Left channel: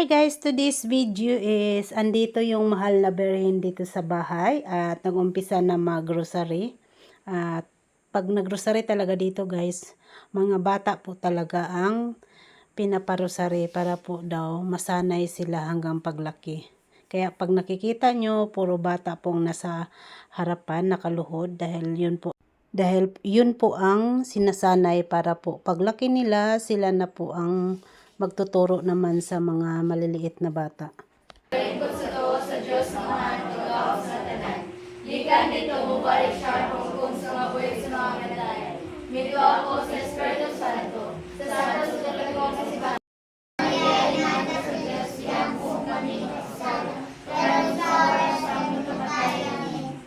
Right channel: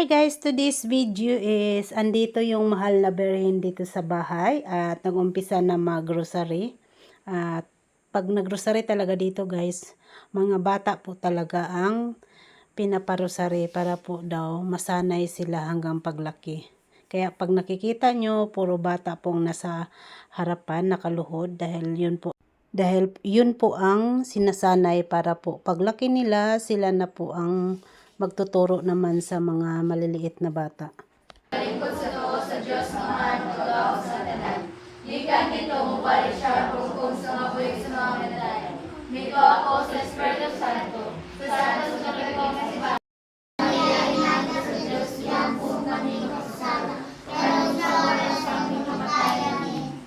Hi guys, today's video is andito yung mahal na berhin dito sa bahay at nag-umpisa na mag-grocery. At pag nag-grocery talaga dito guys, mga bata po talaga ang pinaparosary para po daw masanay sila hanggang paglaki. Kaya pag nakikita nyo, puro bata pong nasa harapan, nakaluhod dahil yun po ang sinasanay para po paglaki nila, sila na po ang magtuturo naman sa mga maliliit na bata. Lingkod sa to sa Diyos naman, mag-aak sa tanan. Gikan dito mo balik siya kung sa mga buwig sa mga medalya. Mito ako sa Espiritu Santo, sa Santo sa Katolikong Kasibahan. Mayayaan na sa Diyos yang kung kami makasala. Pero sa oras sa aming kamatayan.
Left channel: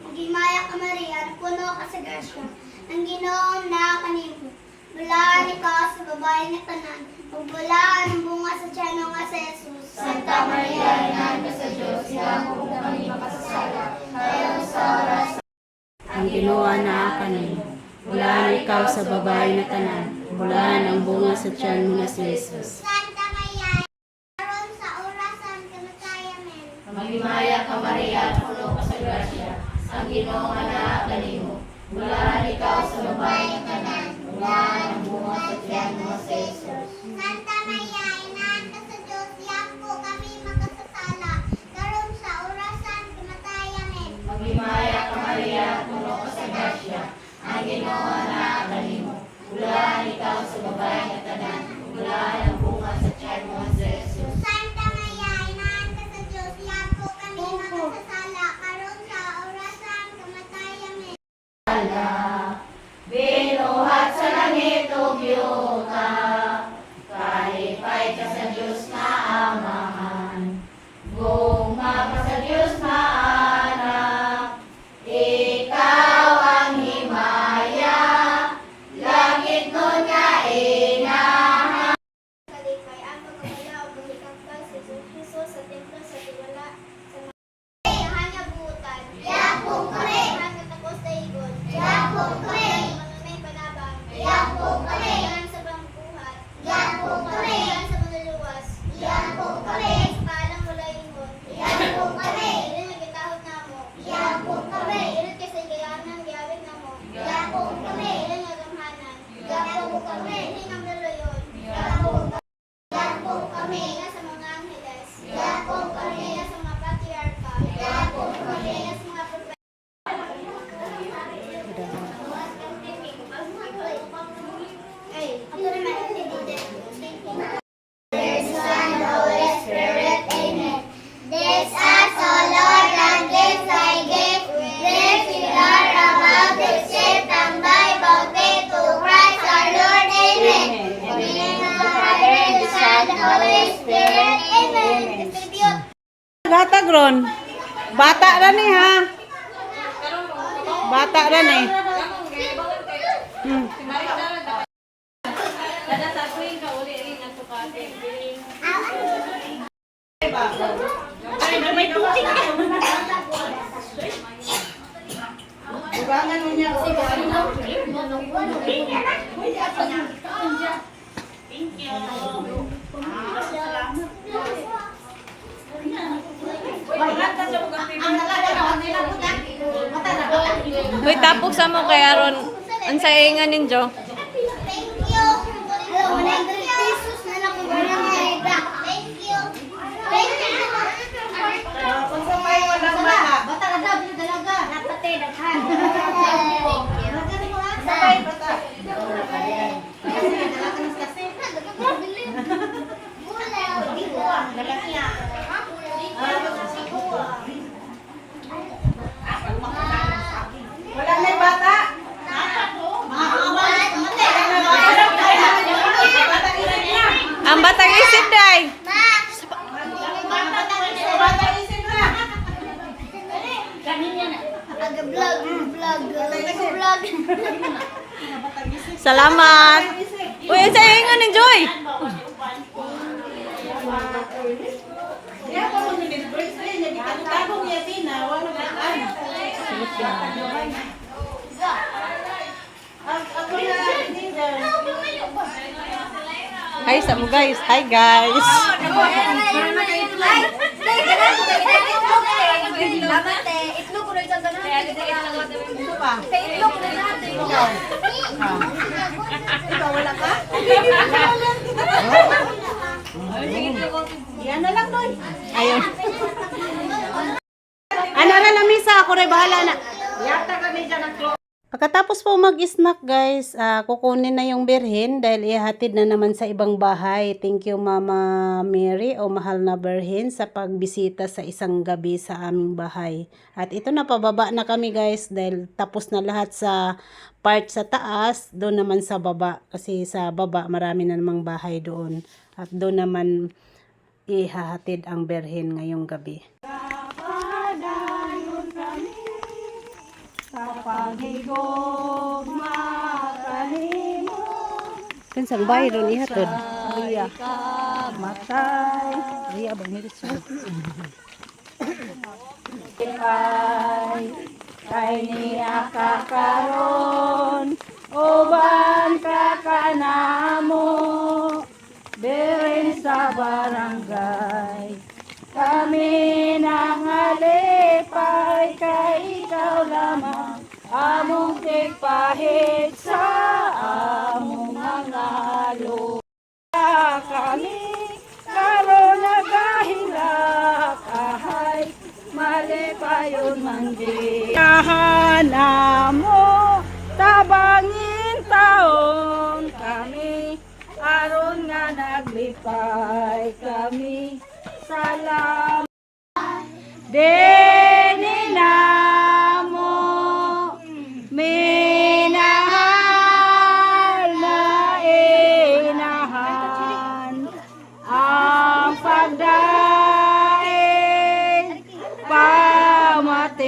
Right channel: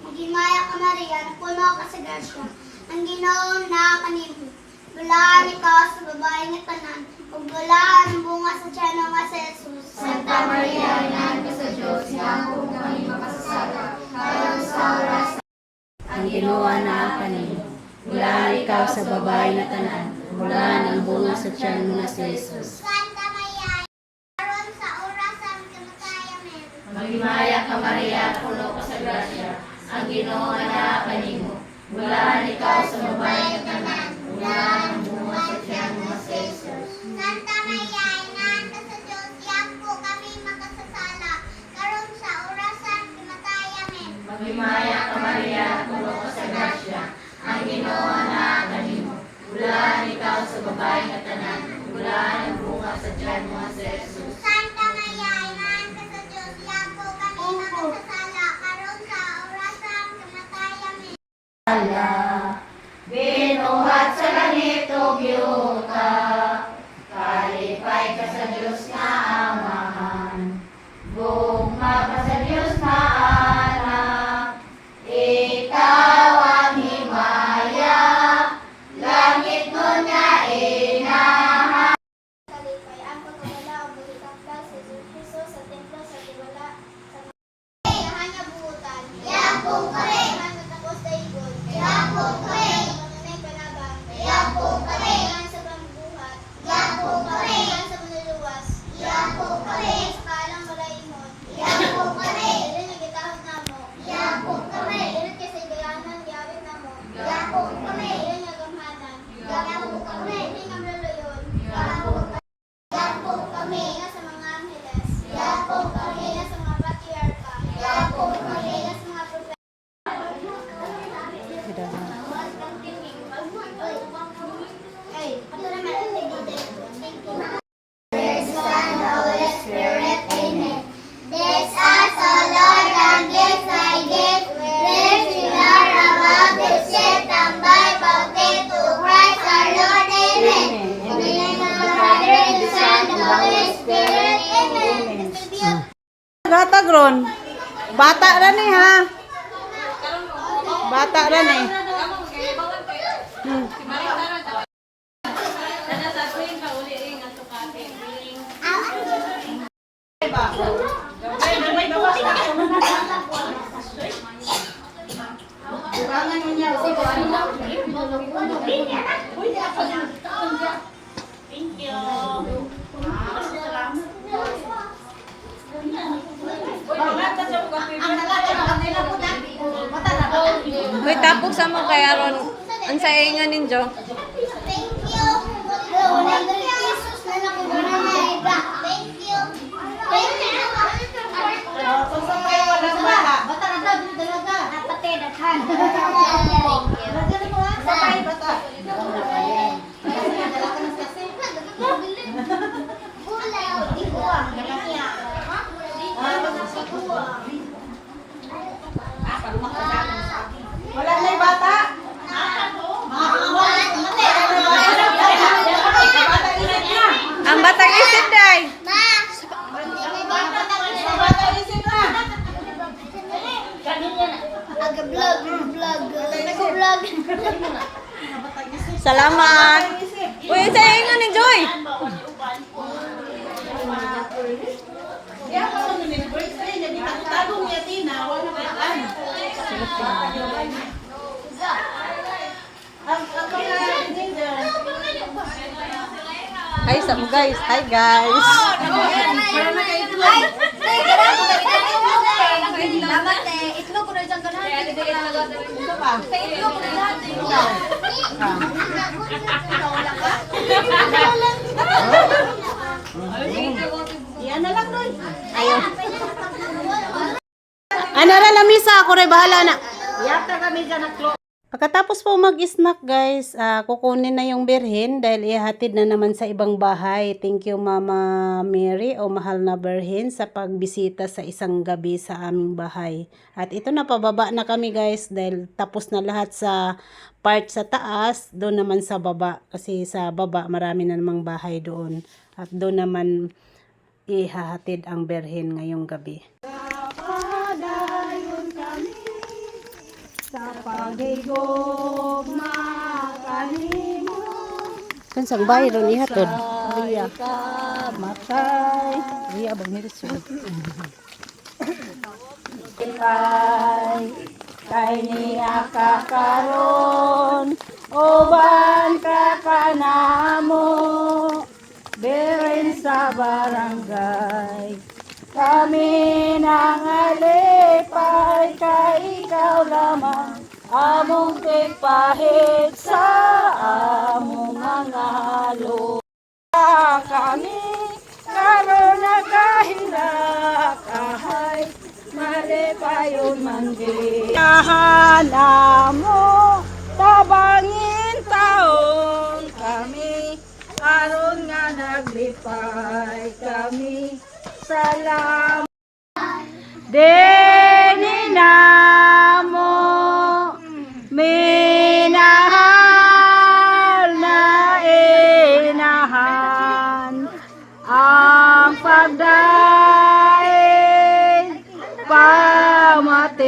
Magimaya ka Maria, puno ka sa grasya. Ang Ginoon na kanimo. Bulaan ikaw sa babae ni tanan. Ug bulaan ang bunga sa tiyan mo nga si Jesus. Santa Maria, Ina ka sa Diyos, yang kung kami makasala. Pero sa oras Ang ginawa na kanimo. Bulaan ikaw sa babae na tanan. Bulaan ang bunga sa tiyan mo nga si Jesus. Santa Maria, aron sa oras sa kamatayan mo. Magimaya ka Maria, puno ka sa grasya. Ang Ginoo na kanimo. Bulaan ikaw sa babae ng tanan. Bulaan ang bunga sa tiyan mo nga si Jesus. Santa Maria, inahan ka sa Diyos, yak po kami makasasala. Karon sa oras sa kamatayan mo. Magimaya ka Maria, puno ka sa grasya. Ang Ginoo na kanimo. Bulaan ikaw sa babae ng tanan. Bulaan ang bunga sa tiyan mo nga si Jesus. Santa Maria, inahan ka sa Diyos, yak po kami makasasala. Karon sa oras sa kamatayan mo. Binuhat sa langit o biyuta, kalipay ka sa Diyos na Amahan, gugma ka sa Diyos na Anak, ikaw ang himaya, langit nun nga inahan. Kalipay ang pagkakila o bulikakbal sa Jesus sa templo sa tiwala sa mga hanya buutan. Yakong kare! Hanya tapos daigod. Yakong kare! Manunay panabang. Yakong kare! Yan sa bambuhat. Yakong kare! Yan sa manuluwas. Yakong kare! Sa kalang malaingon. Yakong kare! Ilan ang gitahod na mo. Yakong kare! Ilan kasi gayanan gawin na mo. Yakong kare! Ilan ang gamhanan. Yakong kare! Ilan ang luluyon. Yakong kare! Yakong kami sa mga angeles. Yakong kami sa mga patriarka. Yakong kami sa mga propeta. Ay, ito naman. There's Son, the Holy Spirit. Amen. There's us, O Lord, and gifts I give. Lift in our above the ship and by faith to Christ our Lord. Amen. In the name of the Father, and the Son, and the Holy Spirit. Amen. Bata gron. Bata ra ni ha. Bata ra ni. Uy, tapos sa mo kay Aron. Ang saingan ninyo. Thank you. Hello, 100 pesos na lang kung nanayda. Thank you. Thank you. Kung sa may walang bata. Bata na daw, dalaga. Napate, daghan. Thank you. Daghan mo ha? Sabay, bata. Wala na bata. Ang batang isip day. Salamat. Uy, ang saingan ni Joy. Hi sa mo guys. Hi guys. Salamat eh. Itlog ko rin dyan ka natin. Ito pa. Itlog ko rin natin. Ikaw, wala ka? Yan na lang nun. Ayun. Anara lamisa, ako rin bahala na. Yata kami dyan ng clock. Pagkatapos po mag-snack guys, kukunin na yung birhen dahil ihatid na naman sa ibang bahay. Thank you Mama Mary o mahal na birhen sa pagbisita sa isang gabi sa aming bahay. At ito na, pababa na kami guys dahil tapos na lahat sa part sa taas, doon naman sa baba. Kasi sa baba marami na namang bahay doon. At doon naman ihahatid ang birhen ngayong gabi. Kan sang bahay ron ihatod. Iya ka matay. Iya bang mirisod. Kay niya kakaron uban ka kanamo dirin sa barangay. Kami nangalipay kay ikaw lamang among tigpahit sa among mga lupa. Kami karon nagahilak ahay malipayon man di. Kahana mo tabangin taon kami aron nga naglipay kami. Salamat dengin namo minahal na inahan ang pagdaig pamatia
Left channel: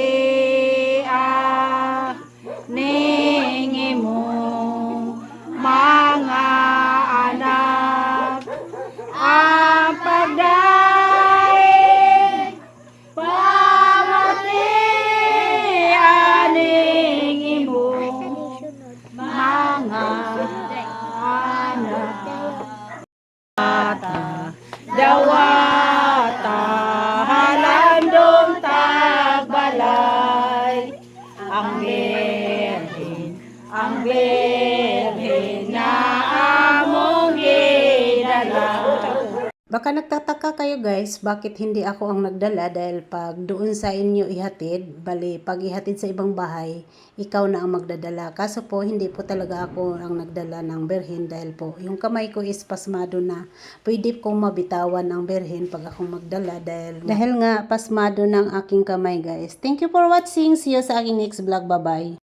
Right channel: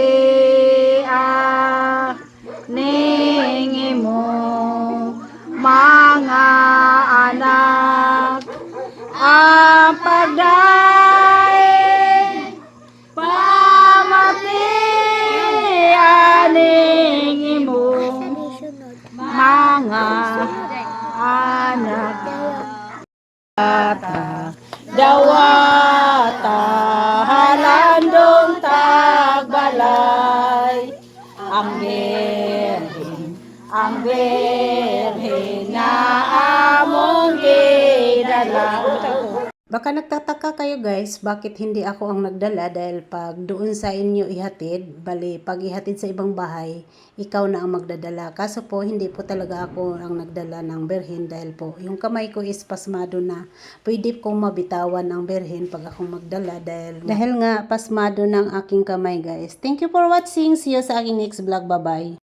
ning imong mga anak ang pagdaig dawata halandong tagbalay ang birhen na among gidala. Baka nagtataka kayo guys, bakit hindi ako ang nagdala dahil pag doon sa inyo ihatid, bali pag ihatid sa ibang bahay, ikaw na ang magdadala. Kaso po, hindi po talaga ako ang nagdala ng birhen dahil po, yung kamay ko is pasmado na. Pwede kong mabitawan ang birhen pag akong magdala dahil nga pasmado ng aking kamay guys. Thank you for watching. See you sa aking next vlog. Bye-bye.